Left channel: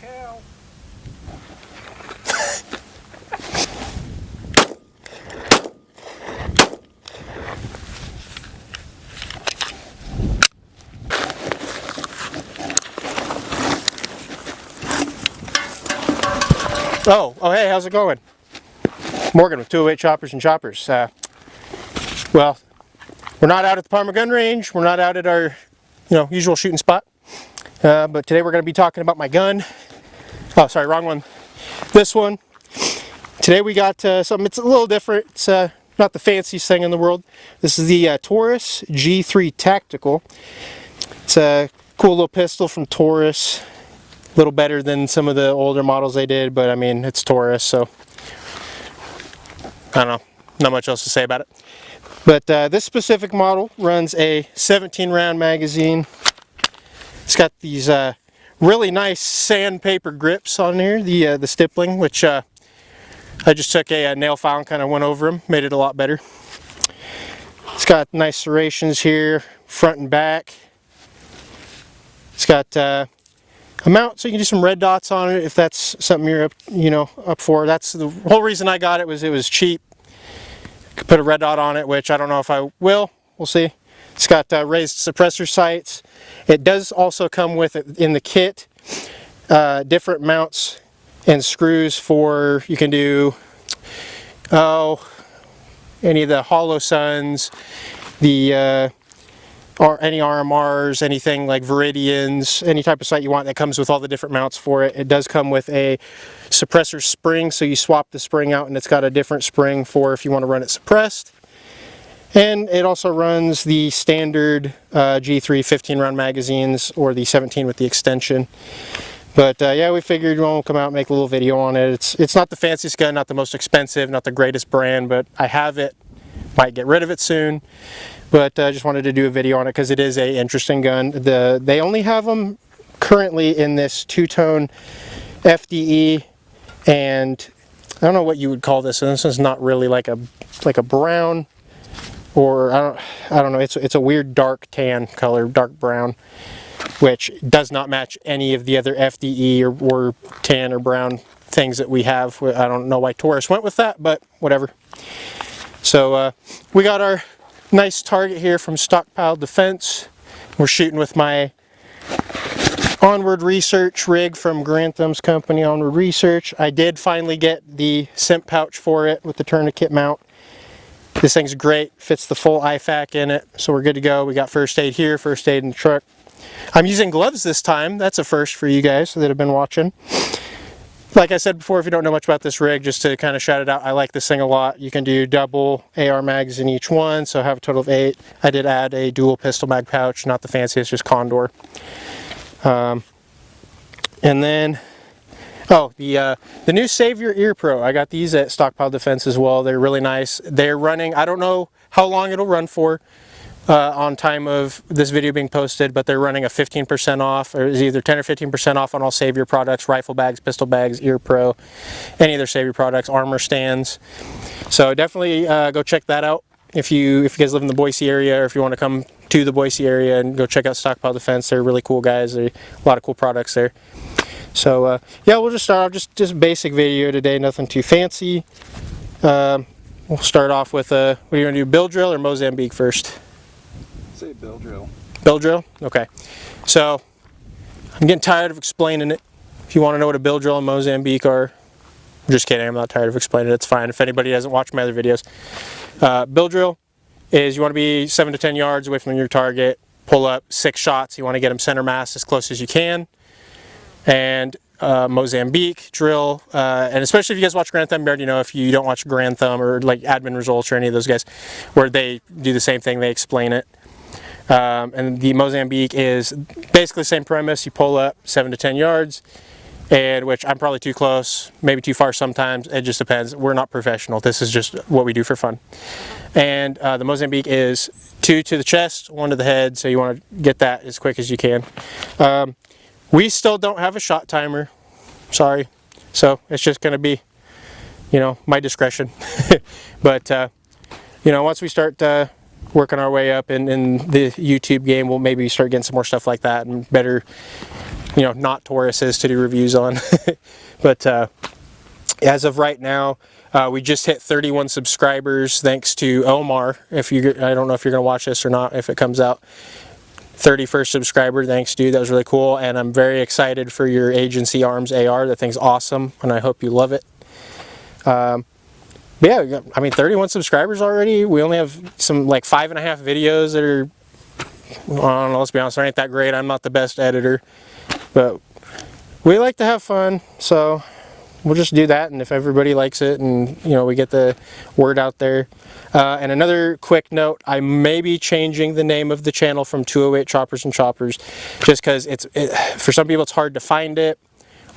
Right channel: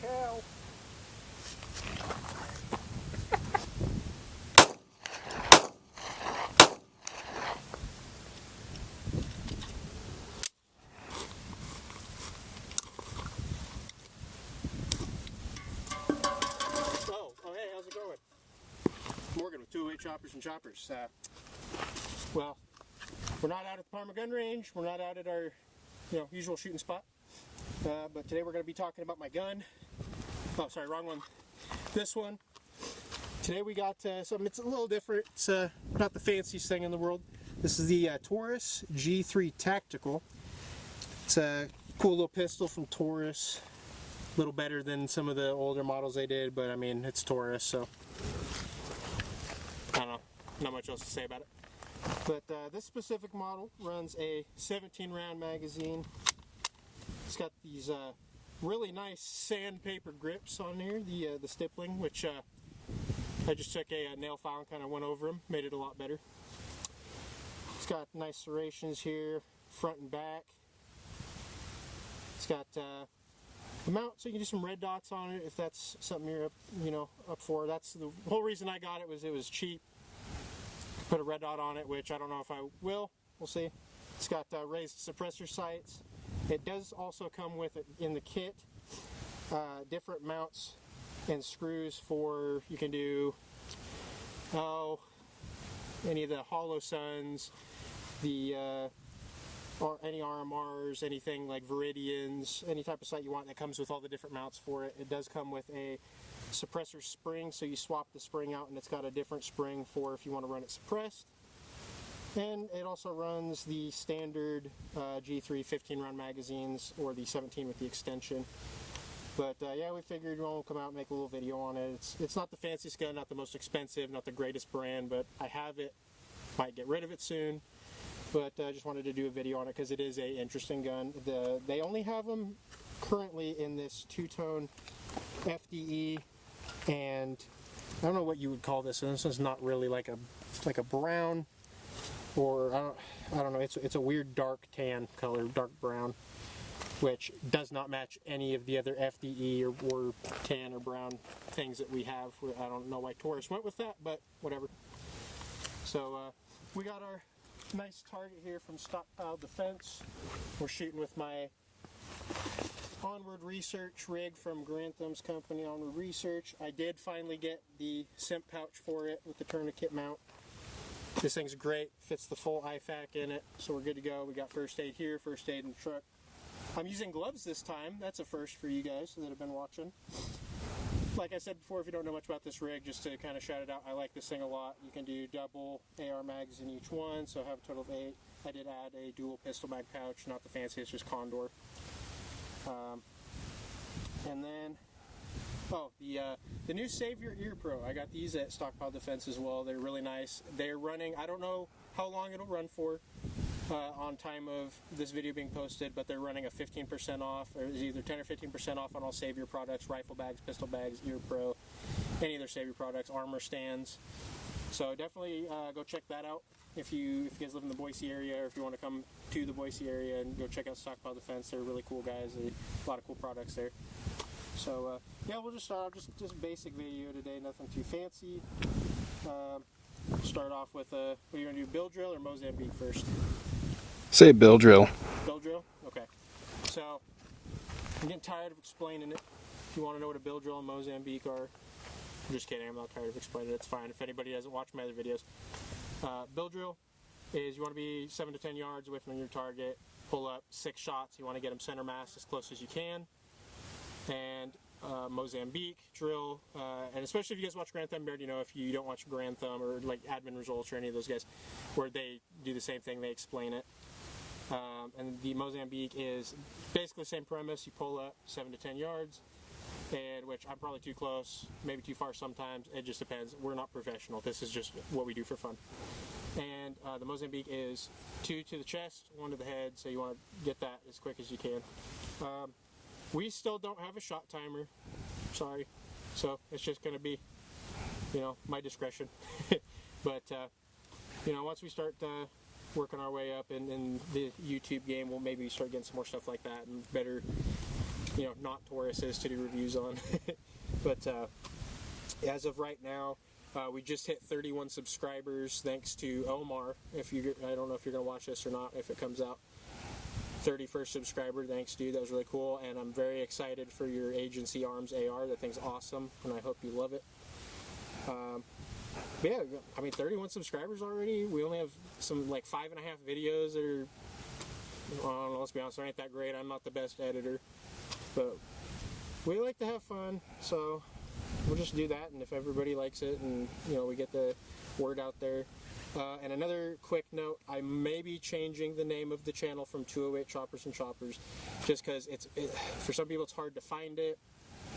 hell. Oh, hey, how's it going? Morgan with 208 Choppers and Choppers. Well, we're not out at the Parma gun range. We're not out at our, usual shooting spot. But today we're going to be talking about my gun. Oh, sorry, wrong one. This one. Today we got something. It's a little different. It's not the fanciest thing in the world. This is the Taurus G3 Tactical. It's a cool little pistol from Taurus. A little better than some of the older models they did, but I mean, it's Taurus, so I don't know, not much else to say about it. But this specific model runs a 17 round magazine. It's got these really nice sandpaper grips on here, the stippling, which I just took a nail file and kind of went over them, made it a lot better. It's got nice serrations here, front and back. It's got a mount so you can do some red dots on it if that's something you're up for. That's the whole reason I got it, was cheap. Could put a red dot on it, which I don't know if I will. We'll see. It's got raised suppressor sights. It does also come with it in the kit different mounts and screws for, you can do any of the hollow suns, the or any RMRs, anything like Viridians, any type of sight you want that comes with all the different mounts for it. It does come with a suppressor spring, so you swap the spring out and it's got a different spring for if you want to run it suppressed. And it also runs the standard G3 15 round magazines, or the 17 with the extension. But yeah, we figured we'll come out and make a little video on it. It's not the fanciest gun, not the most expensive, not the greatest brand, but I have it. Might get rid of it soon. But I just wanted to do a video on it because it is a interesting gun. They only have them currently in this two-tone FDE, and I don't know what you would call this. And this is not really like a brown, or I don't know. It's a weird dark tan color, dark brown, which does not match any of the other FDE or tan or brown things that we have. I don't know why Taurus went with that, but whatever. So we got our nice target here from Stockpile Defense. We're shooting with my Onward Research rig from Grantham's company, Onward Research. I did finally get the SIMP pouch for it with the tourniquet mount. This thing's great, fits the full IFAK in it, so we're good to go. We got first aid here, first aid in the truck. I'm using gloves this time. That's a first for you guys that have been watching. Like I said before, if you don't know much about this rig, just to kind of shout it out, I like this thing a lot. You can do double AR mags in each one, so I have a total of 8. I did add a dual pistol mag pouch, not the fanciest, just Condor. And then, the new Savior Ear Pro. I got these at Stockpile Defense as well. They're really nice. They're running, I don't know how long it'll run for on time of this video being posted, but they're running a 15% off, or is either 10 or 15% off on all Savior products, rifle bags, pistol bags, Ear Pro, any of their Savior products, armor stands. So definitely go check that out if you guys live in the Boise area, or if you want to come to the Boise area and go check out Stockpile Defense. They're really cool guys. There's a lot of cool products there. So yeah, we'll just start off just basic video today, nothing too fancy. We'll start off with what are you going to do, bill drill or Mozambique first? Say bill drill. Bill drill? Okay. So, I'm getting tired of explaining it. If you want to know what a bill drill and Mozambique are, I'm just kidding, I'm not tired of explaining it, it's fine. If anybody hasn't watched my other videos. Bill drill is you want to be 7 to 10 yards away from your target, pull up 6 shots, you want to get them center mass as close as you can. And Mozambique drill, and especially if you guys watch Grantham, you already know. If you don't watch Grantham or like Admin Results or any of those guys, where they do the same thing, they explain it. And the Mozambique is basically the same premise. You pull up 7 to 10 yards, and which I'm probably too close, maybe too far sometimes. It just depends. We're not professional. This is just what we do for fun. And the Mozambique is 2 to the chest, 1 to the head, so you want to get that as quick as you can. We still don't have a shot timer, sorry. So it's just going to be, my discretion. But, once we start working our way up in the YouTube game, we'll maybe start getting some more stuff like that and better you know, not Tauruses to do reviews on. But as of right now, we just hit 31 subscribers thanks to Omar. If you, I don't know if you're gonna watch this or not if it comes out. 31st subscriber, thanks dude, that was really cool, and I'm very excited for your Agency Arms AR. That thing's awesome, and I hope you love it. But yeah, I mean 31 subscribers already. We only have some like 5.5 videos that are, I don't know, let's be honest, they ain't that great. I'm not the best editor, but we like to have fun, so we'll just do that, and if everybody likes it and you know we get the word out there. And another quick note, I may be changing the name of the channel from 208 Choppers and Choppers, just because for some people it's hard to find it,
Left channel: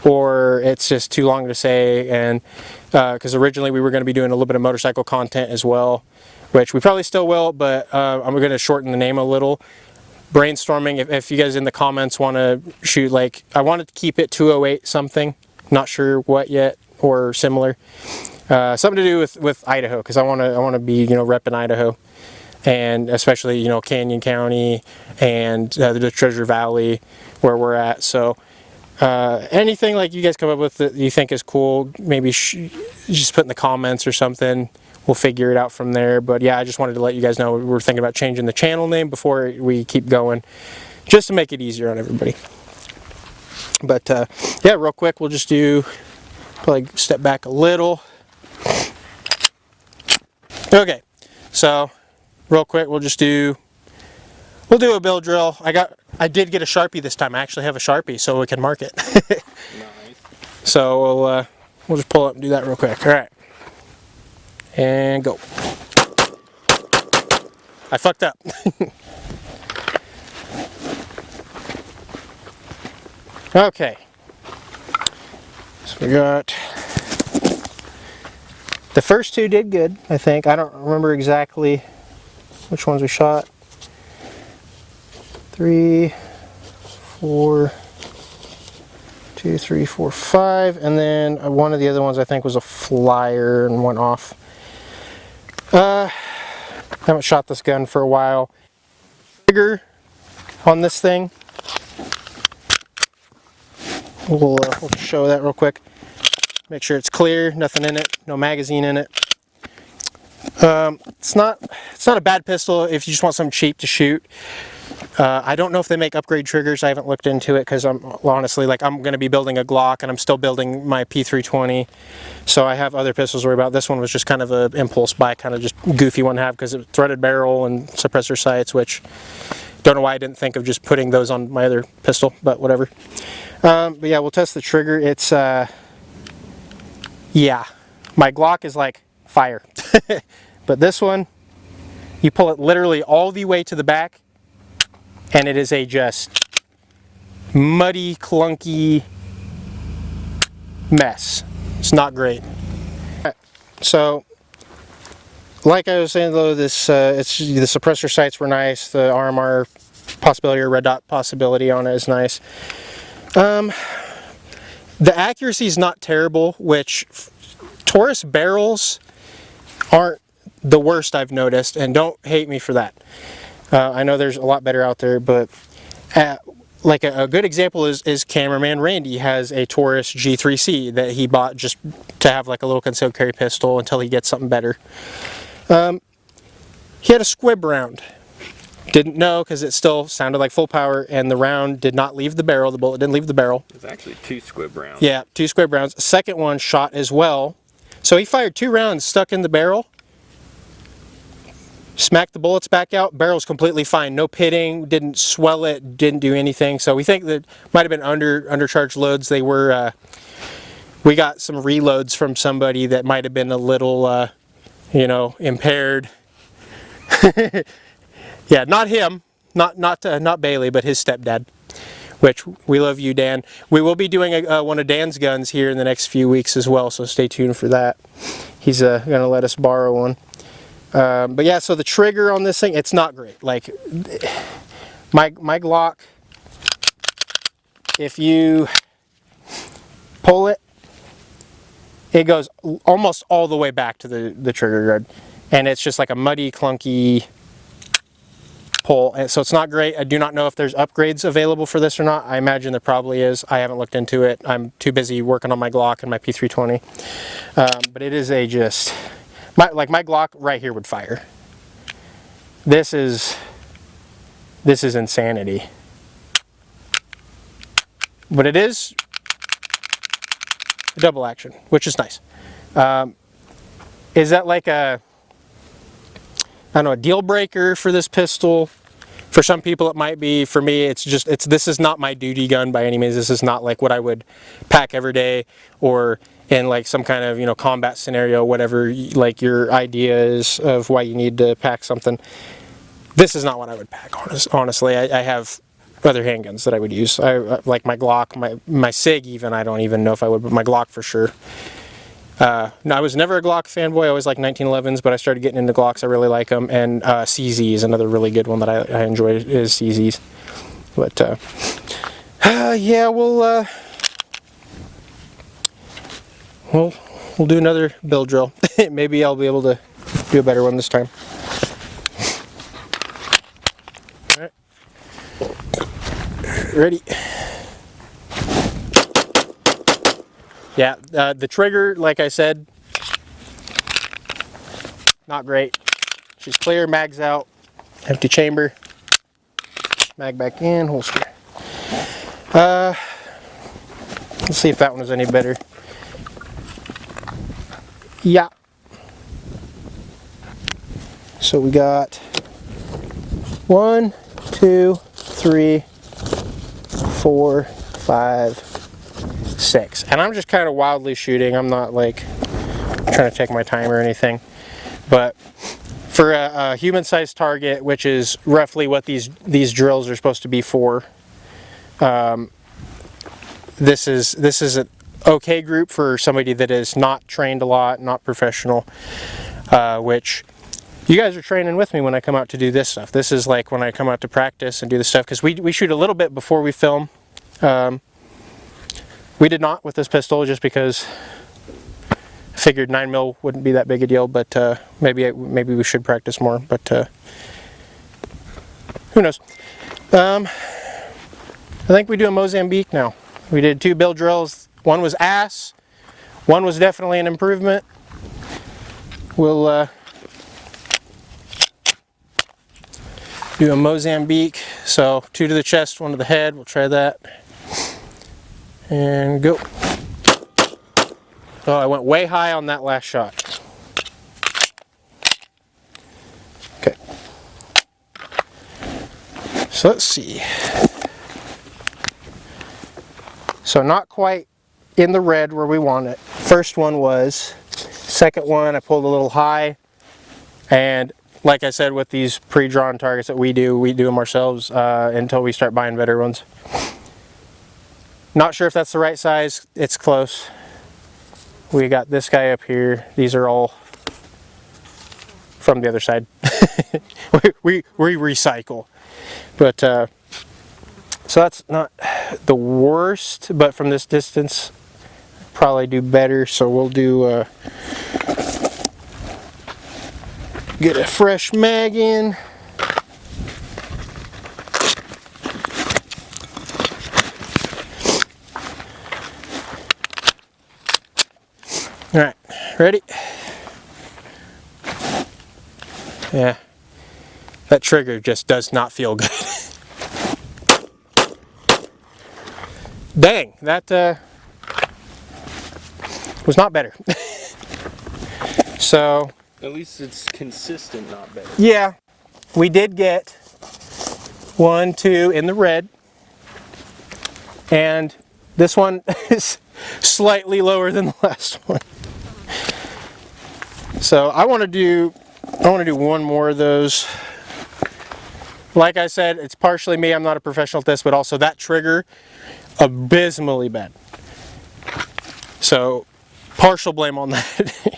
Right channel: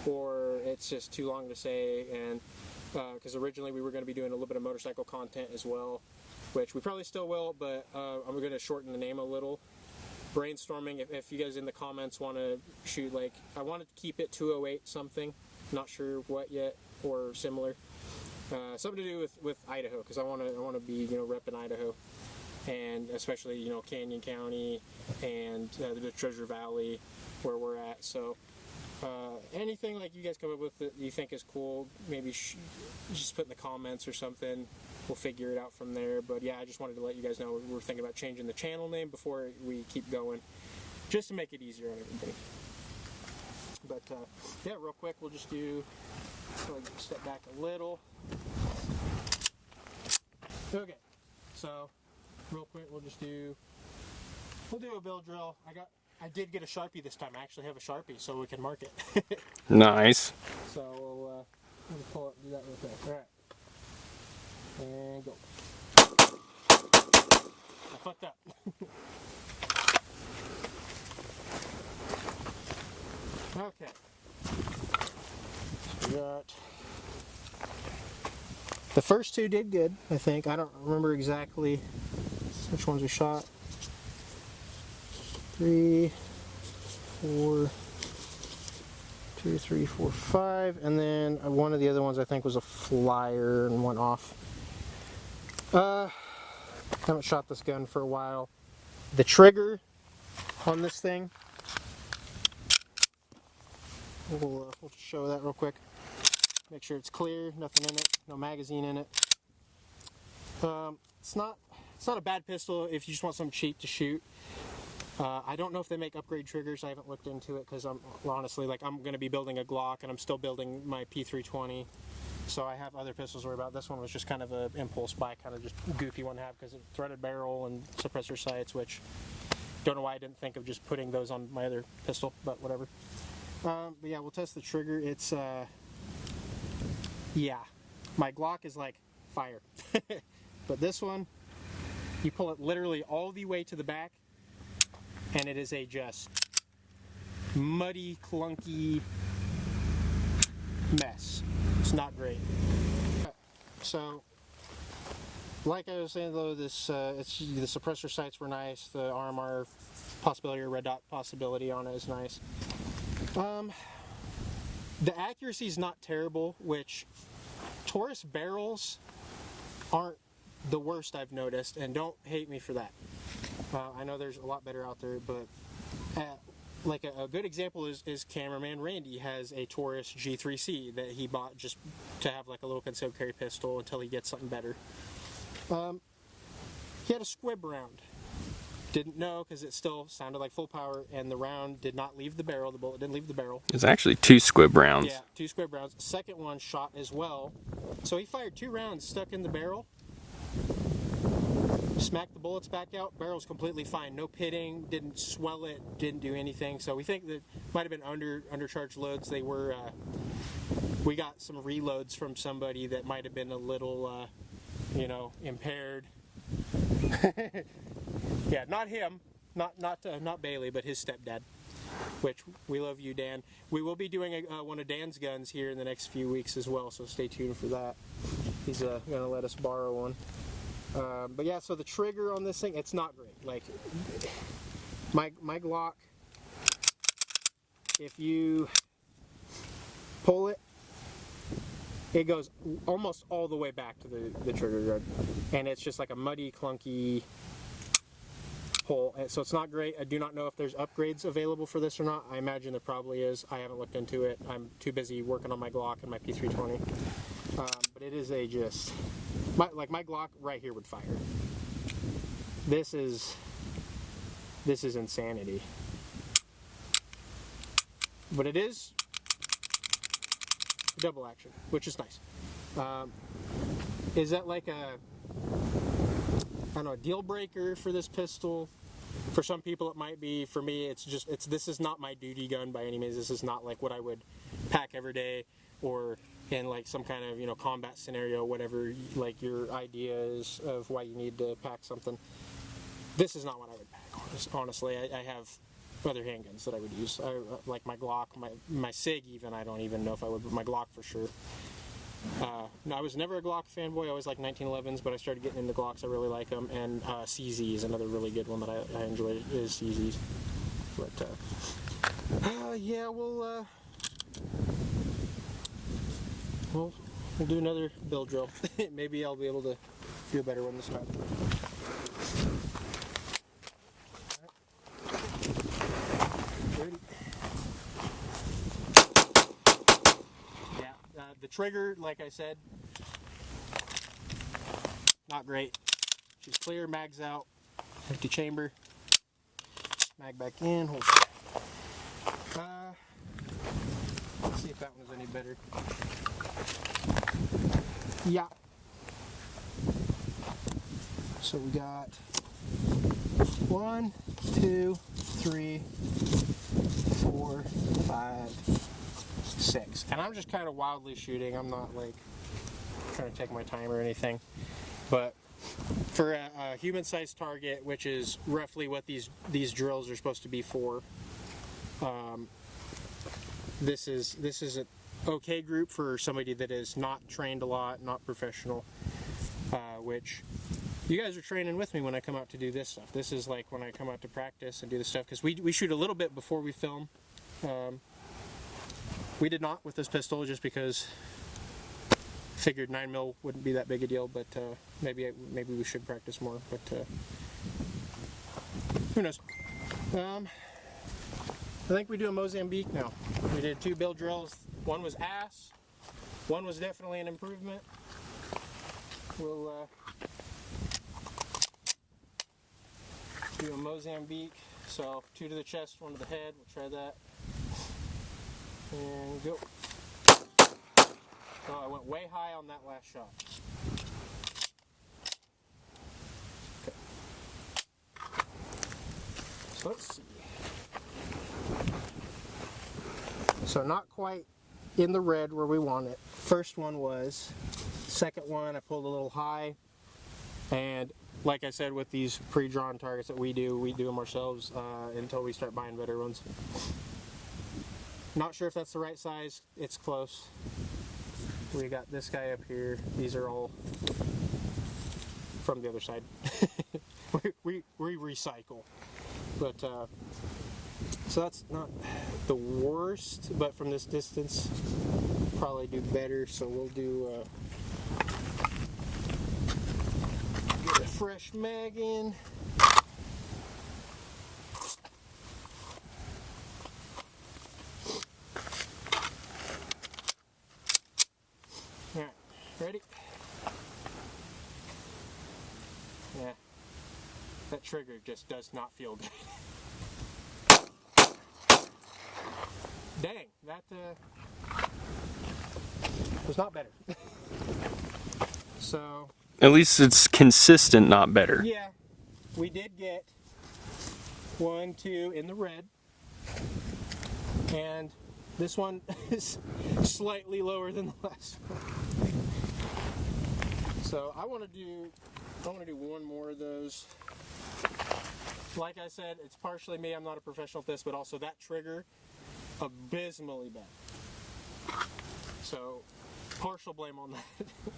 or it's just too long to say, and because originally we were going to be doing a little bit of motorcycle content as well, which we probably still will, but I'm going to shorten the name a little. Brainstorming, if you guys in the comments want to shoot, like, I wanted to keep it 208 something, not sure what yet, or similar. Something to do with Idaho, because I want to be, you know, repping Idaho, and especially, you know, Canyon County and the Treasure Valley where we're at. So anything like you guys come up with that you think is cool, maybe just put in the comments or something. We'll figure it out from there. But yeah, I just wanted to let you guys know we're thinking about changing the channel name before we keep going, just to make it easier on everybody. But yeah, real quick, we'll just do, probably step back a little. Okay, so real quick, we'll do a build drill. I did get a Sharpie this time. I actually have a Sharpie, so we can mark it. Nice. So we'll just pull up and do that real quick. All right, and go. I fucked up. Okay, so we got. The first two did good, I think. I don't remember exactly which ones we shot. 3, 4, 2, 3, 4, 5, and then one of the other ones I think was a flyer and went off. Haven't shot this gun for a while. The trigger on this thing, we'll show that real quick. Make sure it's clear, nothing in it, no magazine in it. It's not a bad pistol if you just want something cheap to shoot. I don't know if they make upgrade triggers. I haven't looked into it because I'm honestly, like, I'm going to be building a Glock and I'm still building my P320. So I have other pistols to worry about. This one was just kind of an impulse buy, kind of just goofy one to have because it's threaded barrel and suppressor sights, which don't know why I didn't think of just putting those on my other pistol, but whatever. But yeah, we'll test the trigger. It's yeah, my Glock is like fire. But this one, you pull it literally all the way to the back, and it is a just muddy, clunky mess. It's not great. So, like I was saying though, this the suppressor sights were nice. The RMR possibility or red dot possibility on it is nice. The accuracy is not terrible, which Taurus barrels aren't the worst I've noticed, and don't hate me for that. I know there's a lot better out there, but like a good example is cameraman Randy has a Taurus G3C that he bought just to have like a little concealed carry pistol until he gets something better. He had a squib round. Didn't know because it still sounded like full power, and the round did not leave the barrel. The bullet didn't leave the barrel. It's actually 2 squib rounds. Yeah, 2 squib rounds. Second one shot as well. So he fired 2 rounds stuck in the barrel. Smacked the bullets back out. Barrel's completely fine. No pitting. Didn't swell it. Didn't do anything. So we think that might have been undercharged loads. They were. We got some reloads from somebody that might have been a little, you know, impaired. Yeah, not him, not Bailey, but his stepdad, which we love you, Dan. We will be doing one of Dan's guns here in the next few weeks as well, so stay tuned for that. He's going to let us borrow one. But yeah, so the trigger on this thing, it's not great. Like, my Glock, if you pull it, it goes almost all the way back to the trigger guard. And it's just like a muddy, clunky pull. And so it's not great. I do not know if there's upgrades available for this or not. I imagine there probably is. I haven't looked into it. I'm too busy working on my Glock and my P320. But it is a just, my Glock right here would fire. This is insanity. But it is a double action, which is nice. Is that like a, I don't know, a deal breaker for this pistol? For some people it might be. For me, this is not my duty gun by any means. This is not like what I would pack every day or in like some kind of, you know, combat scenario, whatever like your idea is of why you need to pack something. This is not what I would pack, honestly. I have other handguns that I would use. I like my Glock, my SIG even, I don't even know if I would, but my Glock for sure. No, I was never a Glock fanboy. I always liked 1911s, but I started getting into Glocks. I really like them. And CZ is another really good one that I enjoy is CZs. But yeah, we'll do another build drill. Maybe I'll be able to do a better one this time. All right. Ready. Yeah, the trigger, like I said, not great. She's clear, mag's out, empty chamber, mag back in, holster. Let's see if that one is any better. Yeah. So we got 1, 2, 3, 4, 5, 6. And I'm just kind of wildly shooting. I'm not like trying to take my time or anything. But for a human-sized target, which is roughly what these drills are supposed to be for, this is an okay group for somebody that is not trained a lot, not professional, which you guys are training with me when I come out to do this stuff. This is like when I come out to practice and do this stuff, because we shoot a little bit before we film. We did not with this pistol, just because I figured 9mm wouldn't be that big a deal, but maybe we should practice more, but who knows. I think we do a Mozambique now. We did 2 build drills. One was ass, one was definitely an improvement. We'll do a Mozambique, so 2 to the chest, 1 to the head. We'll try that. And go. Oh, I went way high on that last shot. Okay. So let's see. So not quite in the red where we want it. First one was. Second one, I pulled a little high. And like I said, with these pre-drawn targets that we do them ourselves until we start buying better ones. Not sure if that's the right size. It's close. We got this guy up here. These are all from the other side. we recycle. But so that's not the worst, but from this distance probably do better. So we'll do get a fresh mag in. All right, ready? Yeah, that trigger just does not feel good. Dang, that was not better. So at least it's consistent, not better. Yeah, we did get 1, 2 in the red, and this one is slightly lower than the last one. So I want to do one more of those. Like I said, it's partially me. I'm not a professional at this, but also that trigger, abysmally bad. So partial blame on that.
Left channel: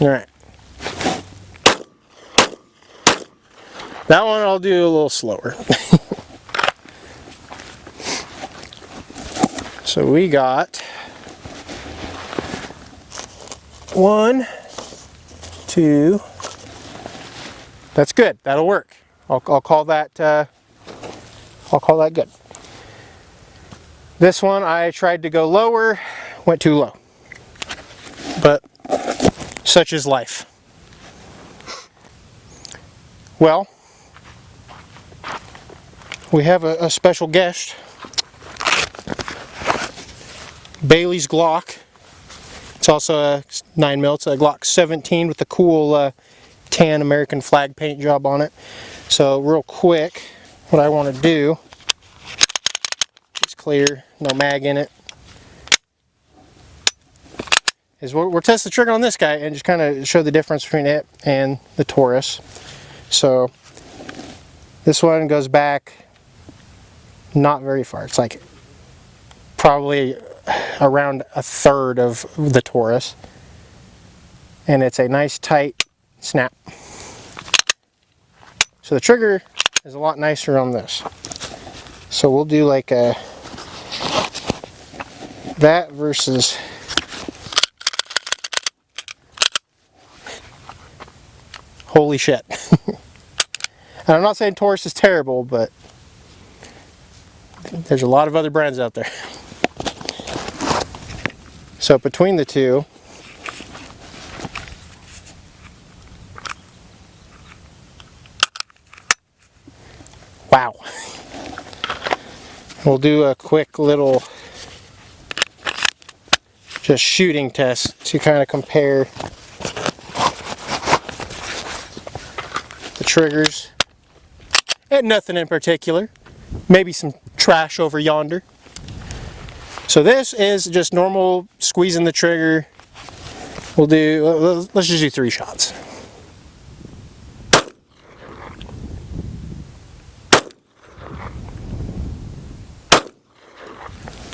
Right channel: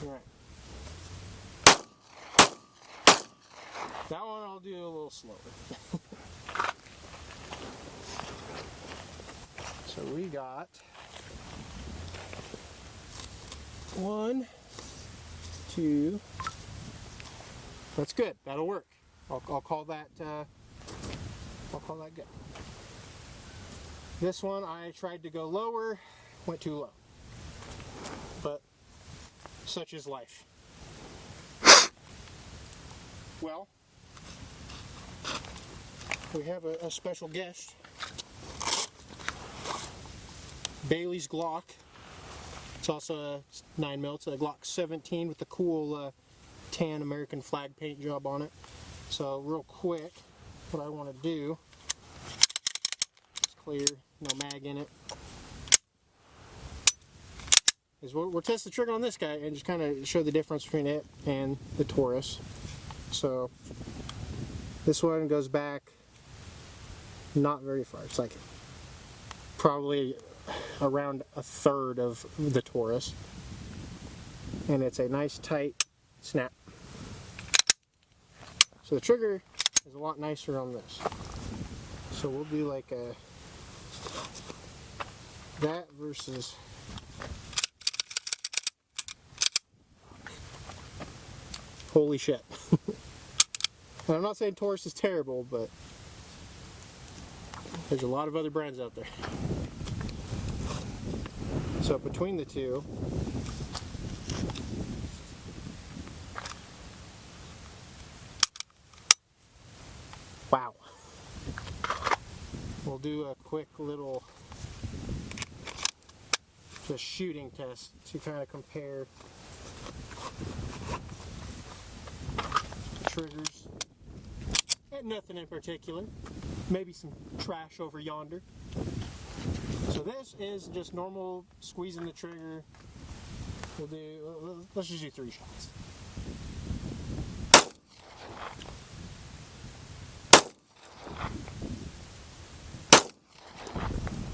All right. That one I'll do a little slower. So we got 1, 2. That's good. That'll work. I'll call that good. This one I tried to go lower, went too low. But such is life. Well, we have a special guest. Bailey's Glock. It's also a 9mm. It's a Glock 17 with the cool tan American flag paint job on it. So real quick, what I want to do, it's clear, no mag in it, is we'll test the trigger on this guy and just kind of show the difference between it and the Taurus. So this one goes back not very far. It's like probably around a third of the Taurus, and it's a nice tight snap. So the trigger is a lot nicer on this. So we'll do like a that versus holy shit. And I'm not saying Taurus is terrible, but there's a lot of other brands out there. So between the two, wow. We'll do a quick little just shooting test to kind of compare the triggers. And nothing in particular. Maybe some trash over yonder. So this is just normal squeezing the trigger. We'll do, let's just do 3 shots.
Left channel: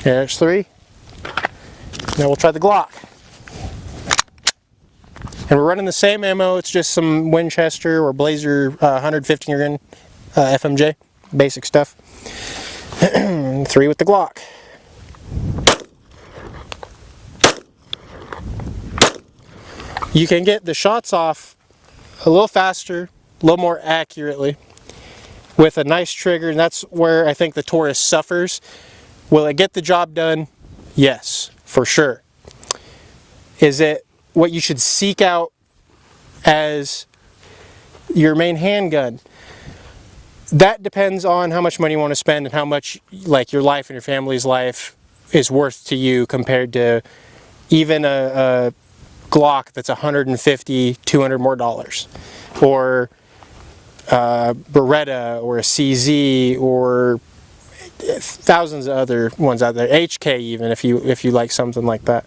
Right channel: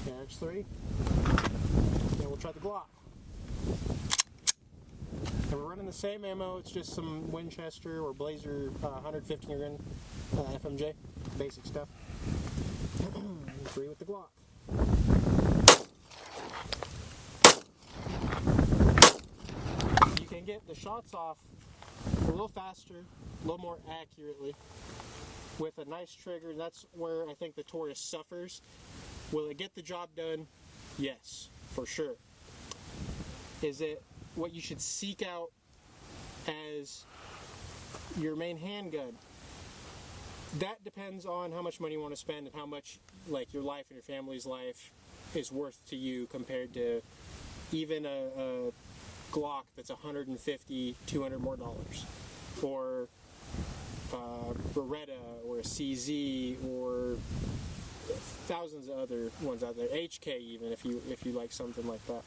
There's 3. Now we'll try the Glock. And we're running the same ammo, it's just some Winchester or Blazer 115 grain FMJ, basic stuff. 3 with the Glock. You can get the shots off a little faster, a little more accurately with a nice trigger, and that's where I think the Taurus suffers. Will it get the job done? Yes, for sure. Is it what you should seek out as your main handgun? That depends on how much money you want to spend and how much like your life and your family's life is worth to you compared to even a Glock that's $150, $200 more dollars, or Beretta or a CZ or thousands of other ones out there, HK even if you like something like that.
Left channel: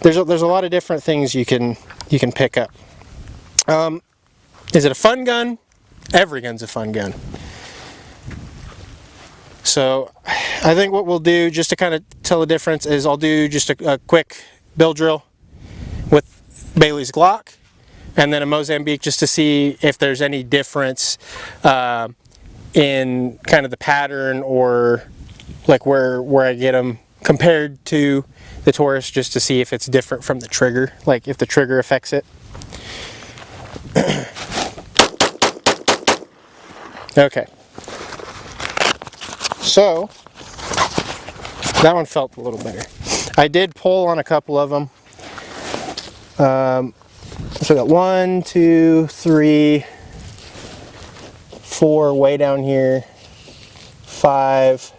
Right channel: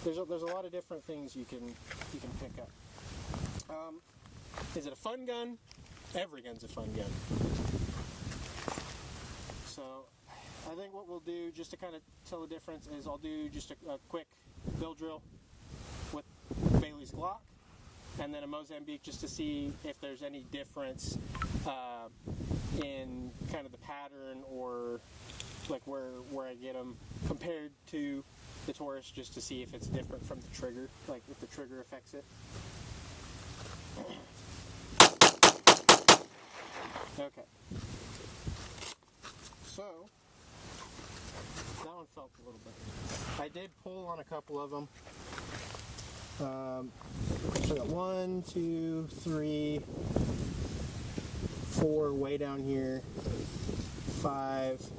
There's a lot of different things you can pick up. Is it a fun gun? Every gun's a fun gun. So I think what we'll do just to kind of tell the difference is I'll do just a quick bill drill with Bailey's Glock and then a Mozambique just to see if there's any difference in kind of the pattern or like where I get them compared to the Taurus, just to see if it's different from the trigger, like if the trigger affects it. Okay, so that one felt a little better. I did pull on a couple of them. So I got 1, 2, 3, 4 way down here, 5,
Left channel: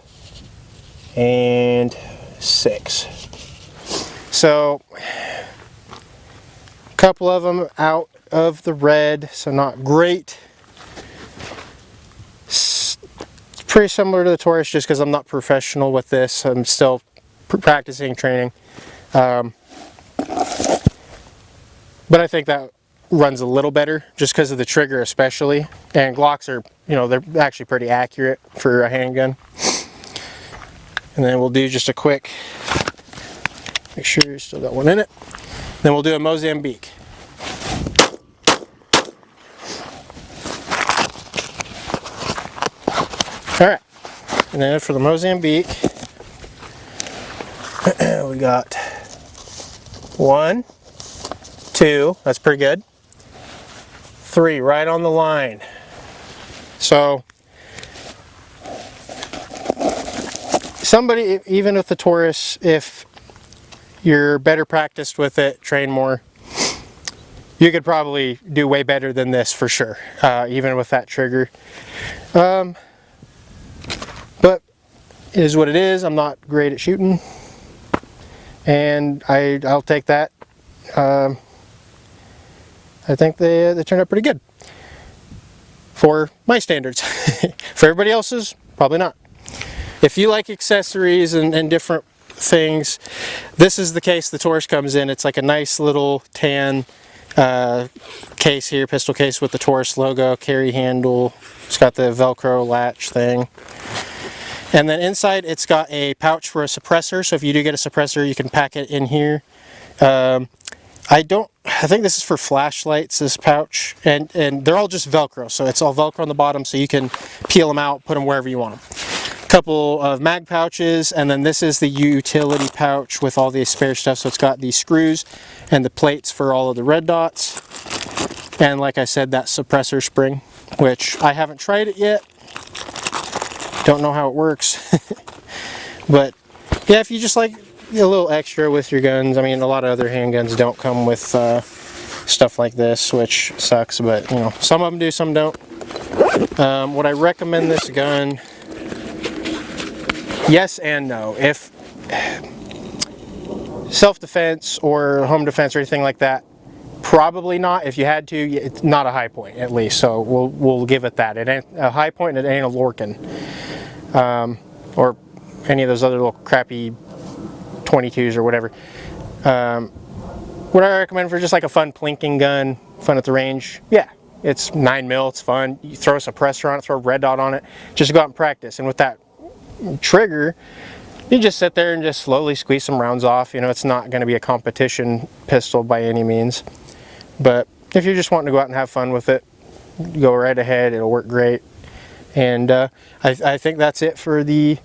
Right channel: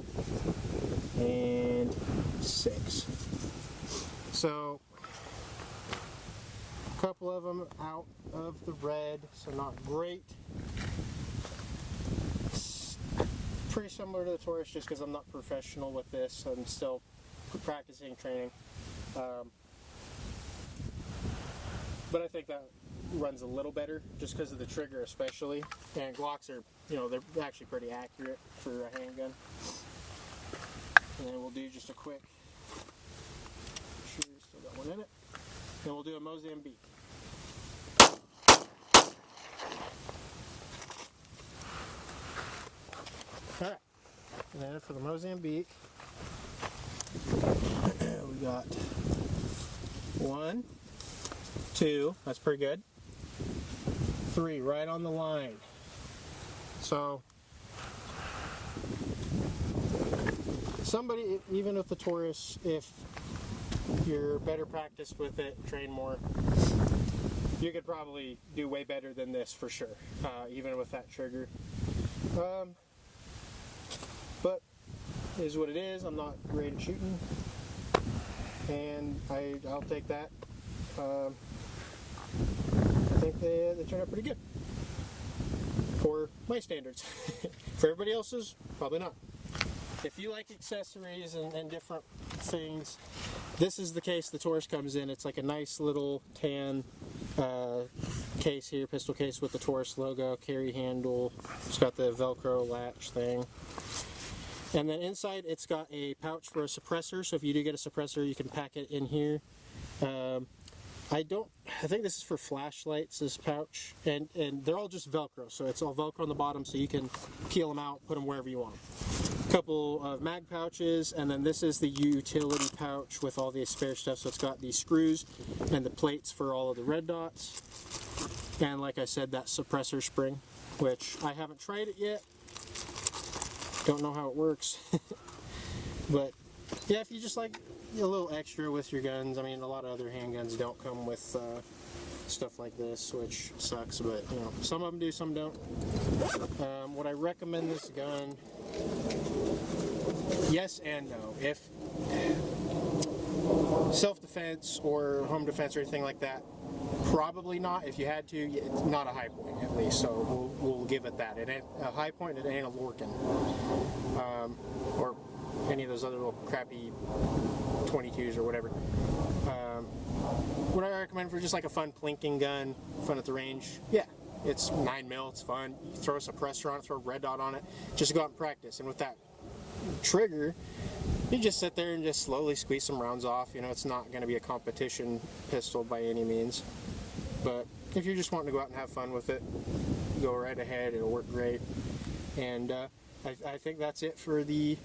and 6. So a couple of them out of the red, so not great. It's pretty similar to the Taurus just because I'm not professional with this. I'm still practicing, training. But I think that runs a little better just because of the trigger especially. And Glocks are, they're actually pretty accurate for a handgun. And then we'll do just a quick, make sure you still got one in it. Then we'll do a Mozambique. Alright, and then for the Mozambique, we got 1, 2, that's pretty good. 3, right on the line. So somebody, even with the Taurus, if you're better practiced with it, train more, you could probably do way better than this for sure, even with that trigger. But it is what it is. I'm not great at shooting, and I'll take that. I think they turned out pretty good for my standards. For everybody else's, probably not. If you like accessories and different things, this is the case the Taurus comes in. It's like a nice little tan case here, pistol case with the Taurus logo, carry handle. It's got the Velcro latch thing. And then inside it's got a pouch for a suppressor, so if you do get a suppressor you can pack it in here. I think this is for flashlights, this pouch, and they're all just Velcro, so it's all Velcro on the bottom, so you can peel them out, put them wherever you want them. A couple of mag pouches, and then this is the utility pouch with all the spare stuff, so it's got the screws and the plates for all of the red dots, and like I said, that suppressor spring, which I haven't tried it yet, don't know how it works. But yeah, if you just like a little extra with your guns, I mean, a lot of other handguns don't come with stuff like this, which sucks, but you know, some of them do, some don't. Would I recommend this gun? Yes and no. If self-defense or home defense or anything like that, probably not. If you had to, it's not a high point, at least, so we'll give it that. It ain't a high point, and it ain't a Lorcan, or any of those other little crappy 22s or whatever. Would I recommend for just like a fun plinking gun, fun at the range? Yeah, it's 9mm, it's fun. You throw a suppressor on it, throw a red dot on it, just go out and practice. And with that trigger, you just sit there and just slowly squeeze some rounds off. You know, it's not going to be a competition pistol by any means. But if you're just wanting to go out and have fun with it, go right ahead, it'll work great. And I think that's it for the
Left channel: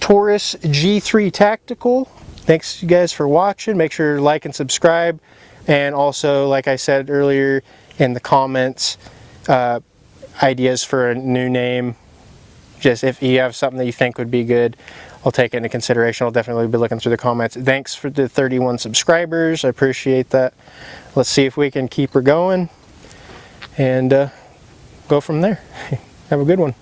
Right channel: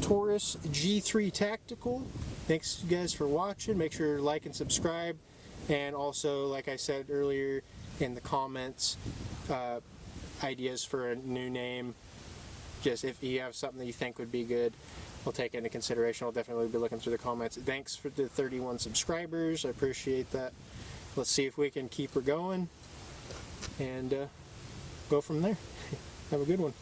Taurus G3 Tactical. Thanks you guys for watching. Make sure to like and subscribe, and also, like I said earlier in the comments, ideas for a new name. Just if you have something that you think would be good, I'll take it into consideration. I'll definitely be looking through the comments. Thanks for the 31 subscribers, I appreciate that. Let's see if we can keep her going and go from there. Have a good one.